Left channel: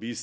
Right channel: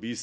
20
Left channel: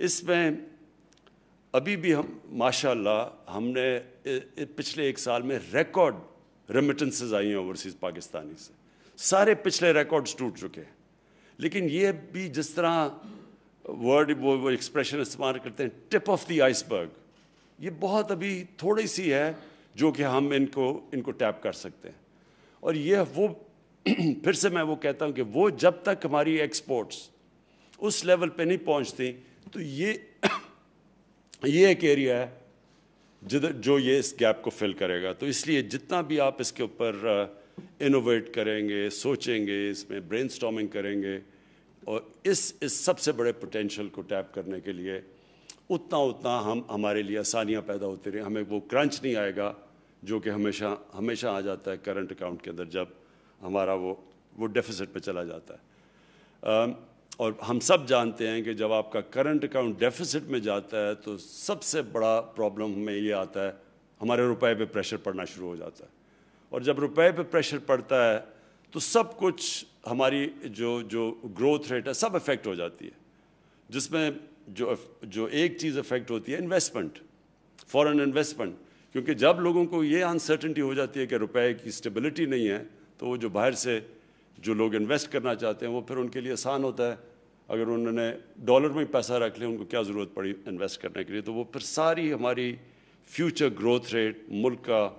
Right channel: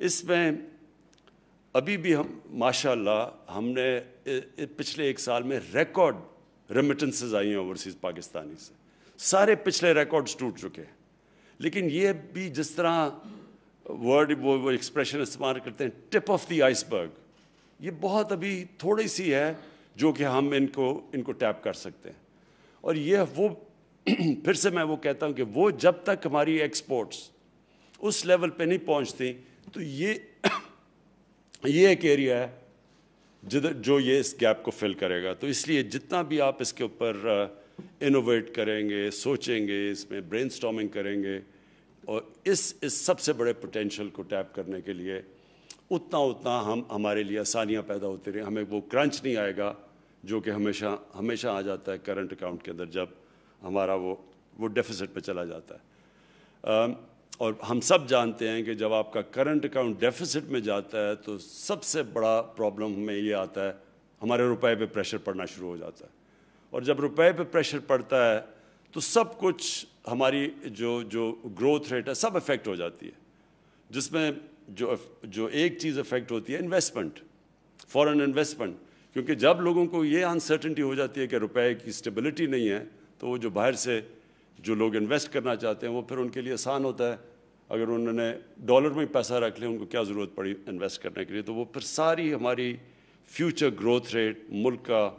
اس میں ابھی بھی ہم ماشاءاللہ ہم نے پچھلے 1 سال میں ریکارڈ ریمیٹنسز آئی ہیں اوورسیز پاکستانی سے. سارے پچھلے ریکارڈز ٹوٹ چکے ہیں. لیکن یہ بھی جس طرح ورڈ وہ ایکسپریشن استعمال کرتے ہیں ٹپ آف دی آئس برگ, یہ بہت ابھی تھوڑی سی ہے جو کہ ہم ان کو ٹیپ کر سکتے ہیں. اور یہ وہ پھر سے میں وہ کہتا ہوں کہ وہ جب تک ہماری ایکسپورٹس اس لیول پہ نہیں پہنچتی تو یہ ایک ایریا ہے جو یہ اس گیپ کو فل کرے گا. تو اس لیے جتنا بھی آپ اس کے اوپر انوویٹ کریں گے, سوچیں گے, اس میں برین سٹارمنگ کریں گے اور اس سب سے بڑے پوٹینشیل کو ٹیپ کرنے کے لیے اتنا ہمارے لیے آسانیاں پیدا ہوتی رہیں. ہمیں وہ کرنچ نہیں آئے گا جو کہ ہمیشہ آ جاتا ہے کرنٹ اکاؤنٹ کے اندر جب ہمارا وہ ڈیفیسٹ پہ چلا جاتا ہے. اور ہم سب جانتے ہیں کہ جب آپ کا کرنٹ اکاؤنٹ ڈیفیسٹ میں جاتا ہے تو سب سے بڑا پرابلم ہمیں یہ آتا ہے, ہمارے روپے پہ پریشر پڑنا شروع ہو جاتا ہے. اور جب روپے پہ پریشر پڑتا ہے تو سب کچھ ہماری جو گروتھ ریٹ ہے سب افیکٹ ہو جاتی ہے. جس میں جو ایک چیز افیکٹ ہوتی ہے انویسٹمنٹ, فورن انویسٹمنٹ. کیونکہ جب لوگوں کو یہ انسرٹنٹی ہو جاتی ہے کہ روپے کی اسٹیبلٹی نہیں ہے تو وہ جو باہر سے جو لوگ انویسٹ کرنا چاہتے ہیں وہ پھر ان کے لیے آسان ہوتا ہے. اگر انہوں نے ڈالر میں پیسہ رکھ لیا, ان کو کیا ضرورت پڑی انویسٹ کرنے کے لیے, تو وہ پھر ساری ہماری فیوچر گروتھ ریٹ, ملک کا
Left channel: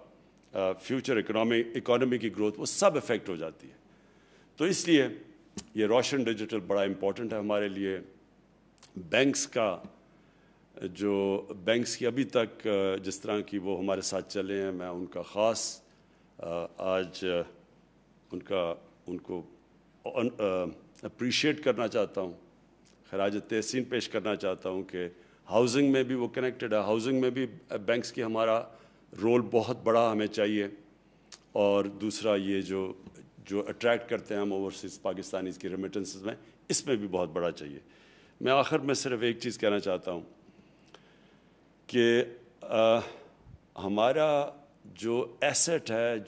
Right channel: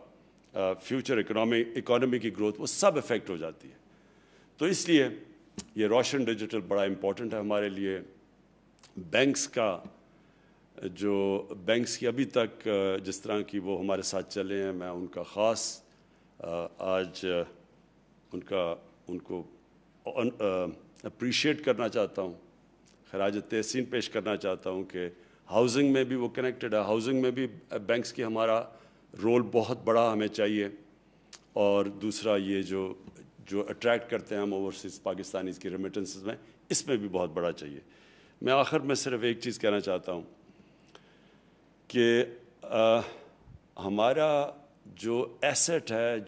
فیوچر اکانومی کی گروتھ, وہ سب افیکٹ ہو جاتی ہے. تو اس لیے یہ روشن ڈیجیٹل بڑا امپورٹنٹ ہے ہمارے لیے. بینکس کی ابھی تک جس طرح کی وہ ہمارے ساتھ چلے ہیں, میں ان کا خاص آج ان کو اپریشیٹ کرنا چاہتا ہوں, خراج تحسین پیش کرنا چاہتا ہوں کہ ہاؤسنگ میں بھی وہ کنیکٹڈ ہے. ہاؤسنگ میں بھی بینکس کی ہمارا رول بہت بڑا ہمیں چاہیے. اور دوسرا یہ جو اٹریکٹ کرتے ہیں ہم اوورسیز پاکستانیز کی ریمیٹنسز میں, اس میں بھی بہت بڑا چاہیے. میں آخر میں صرف ایک چیز کہنا چاہتا ہوں کہ ہمارا جو ایسٹ ہے,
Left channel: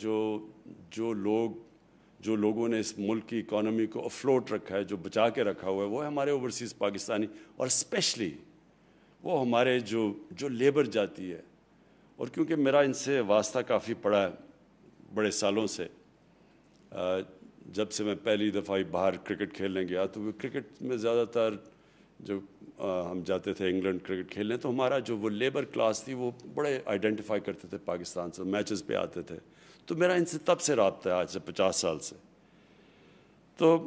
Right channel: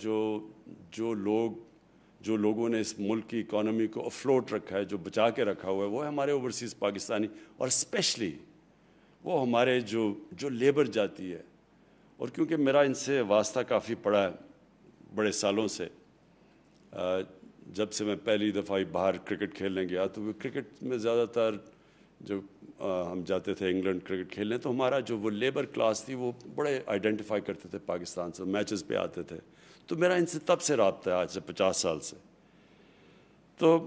جو لوگوں نے اس ملک کی اکانومی کو افلوٹ رکھا ہے, جو بچا کے رکھا ہوا ہے, وہ ہمارے اوورسیز پاکستانی, اور اسپیشلی وہ ہمارے جو لیبر جاتی ہے. اور کیونکہ میرا ان سے واسطہ کافی پڑا ہے بڑے سالوں سے, جب سے میں پہلی دفعہ باہر کرکٹ کھیلنے گیا تو وہ کرکٹ میں زیادہ تر جب ہم جاتے تھے انگلینڈ کرکٹ کھیلنے تو ہمارا جو وہ لیبر کلاس تھی وہ بڑے آئیڈینٹیفائی کرتے تھے پاکستان سے, میچز پہ آتے تھے. تو میرا ان سے تب سے رابطہ ہے, آج سے 50 سال سے. تو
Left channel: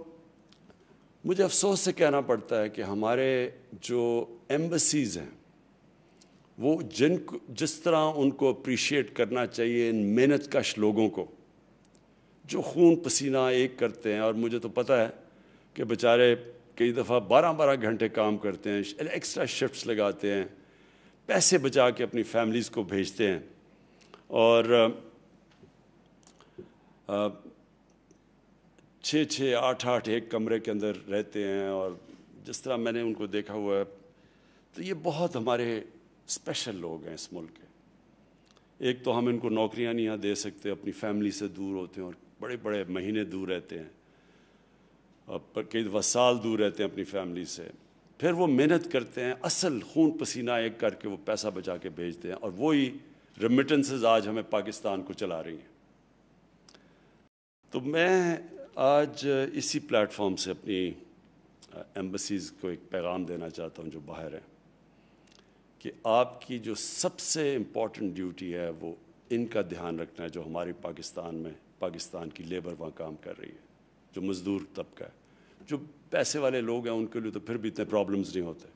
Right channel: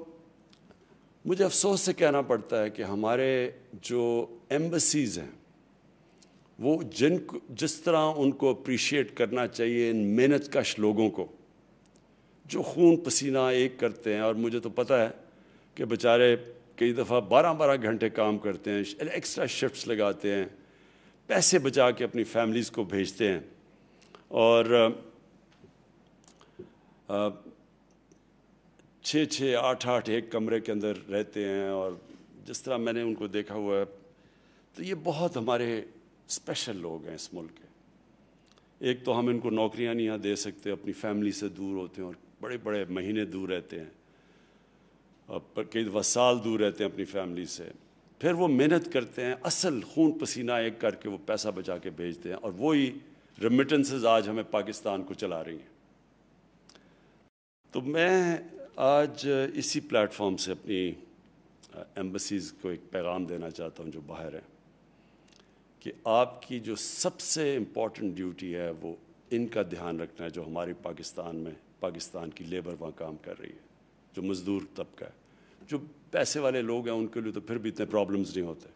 مجھے افسوس سے کہنا پڑتا ہے کہ ہمارے جو ایمبیسیز ہیں وہ جس طرح ان کو اپریشیٹ کرنا چاہیے ان محنت کش لوگوں کو جو خون پسینہ ایک کرتے ہیں. اور مجھے تو پتہ ہے کہ بیچارے کئی دفعہ 12 گھنٹے کام کرتے ہیں, ایکسٹرا شفٹس لگاتے ہیں, پیسے بچا کے اپنی فیملیز کو بھیجتے ہیں, اور 6 8 ایک کمرے کے اندر رہتے ہیں. اور جس طرح میں نے ان کو دیکھا ہوا ہے تو یہ بہت ہمارے اسپیشل لوگ ہیں اس ملک کے. ایک تو ہم ان کو نوکریاں نہیں دے سکتے, اپنی فیملی سے دور ہوتے ہیں اور بڑے مہینے دور رہتے ہیں, اور کئی دفعہ سال دور رہتے ہیں اپنی فیملی سے. پھر وہ محنت کرتے ہیں, اصل خون پسینہ ایک کر کے وہ پیسہ بچا کے بھیجتے ہیں, اور وہی ریمیٹنسز آج ہمیں پاکستان کو چلا رہی ہیں. تو میں آج اسی پلیٹ فارم سے اپنی ایمبیسیز کو ایک پیغام دینا چاہتا ہوں جو باہر ہے, کہ آپ کی جو سب سے امپورٹنٹ ڈیوٹی ہے وہ ان کا دھیان رکھنا ہے جو ہماری پاکستان کی لیبر وہاں کام کر رہی ہے, جو مزدور طبقہ ہے. جو پیسے والے لوگ ہیں ان کے لیے تو پھر بھی اتنے پرابلمز نہیں ہوتے.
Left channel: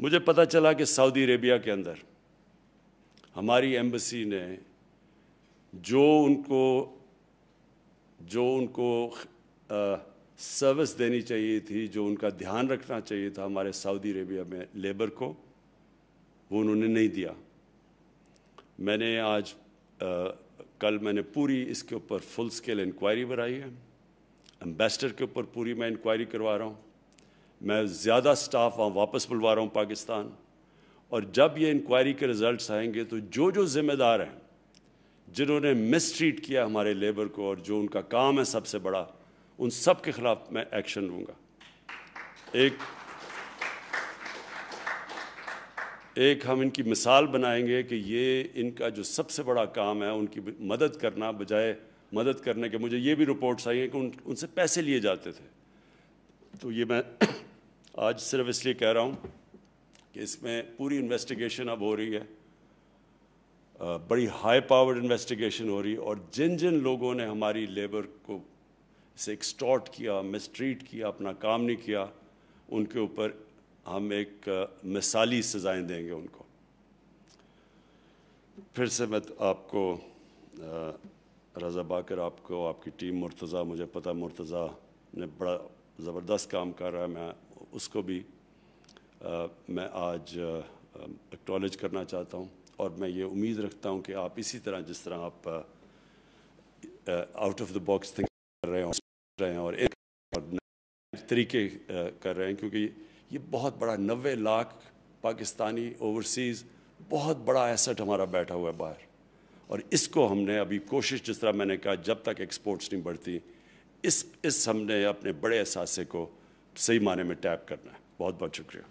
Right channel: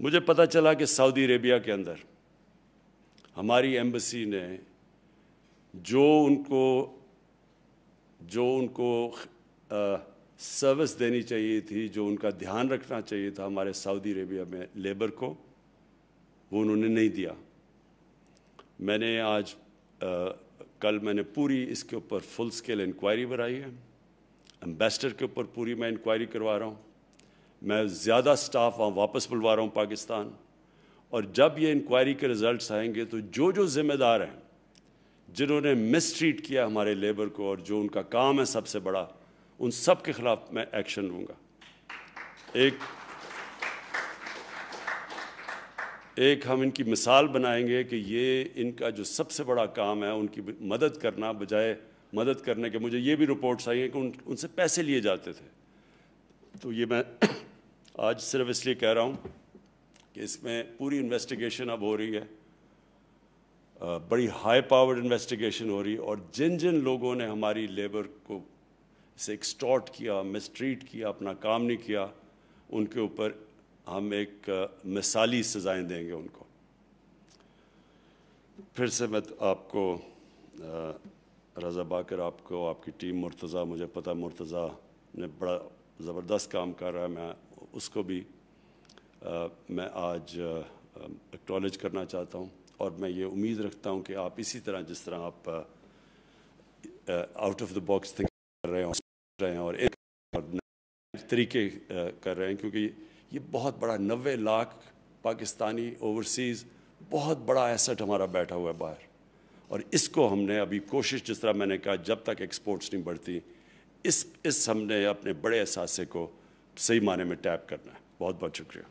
مجھے پتہ چلا کہ سعودی عربیہ کے اندر ہماری ایمبیسی نے جو ان کو سروس دینی چاہیے تھی, جو ان کا دھیان رکھنا چاہیے تھا ہمارے سعودی عربیہ میں لیبر کو, وہ انہوں نے نہیں دیا. میں نے کل میں نے پوری اس کے اوپر فل سکیل انکوائری بنائی ہے. امبیسڈر کے اوپر پوری میں انکوائری کروا رہا ہوں. میں زیادہ سٹاف واپس بلوا رہا ہوں پاکستان. اور جب یہ انکوائری کے رزلٹس آئیں گے تو جو ذمہ دار ہیں جنہوں نے مس ٹریٹ کیا ہمارے لیبر کو اور جو ان کا کام ہے سب سے بڑا, ان سب کے خلاف میں ایکشن لوں گا. ایک ہم ان کی مثال بنائیں گے کہ یہ ان کا جو سب سے بڑا کام ہے ان کی مدد کرنا، بجائے مدد کرنے کے مجھے یہ بھی رپورٹس آئی ہیں کہ ان سے پیسے لیے جاتے تھے. تو یہ میں آج صرف اس لیے کہہ رہا ہوں کہ اس میں پوری انویسٹیگیشن اب ہو رہی ہے، بڑی ہائی پاورڈ انویسٹیگیشن ہو رہی، اور جن جن لوگوں نے ہماری لیبر کو اسے ایکسٹارٹ کیا، مسٹریٹ کیا، اپنا کام نہیں کیا، ان کے اوپر ہم ایک مثالی سزائیں دیں گے ان کو. پھر سے میں آپ کو رضا باقر، آپ کو، آپ کی ٹیم، مرتضیٰ، مجھے پتہ مرتضیٰ نے بڑا زبردست کام کر رہا ہے، میں اس کو بھی میں آج ایکنالج کرنا چاہتا ہوں. اور میں یہ امید رکھتا ہوں کہ آپ اسی طرح جس طرح آپ out of the box think کر رہے ہیں اور ایک طریقے کر رہے ہیں، کیونکہ یہ بہت بڑا 90 لاکھ پاکستانی اوورسیز بہت بڑا ایسٹ ہمارا بیٹھا ہوا ہے باہر، اور اس کو ہم نے ابھی کوشش، جس طرح میں نے کہا، جب تک ایکسپورٹس نہیں بڑھتی، اس ہم نے اپنے بڑے اثاثے کو صحیح معنی میں ٹیپ کرنا ہے. بہت بہت شکریہ.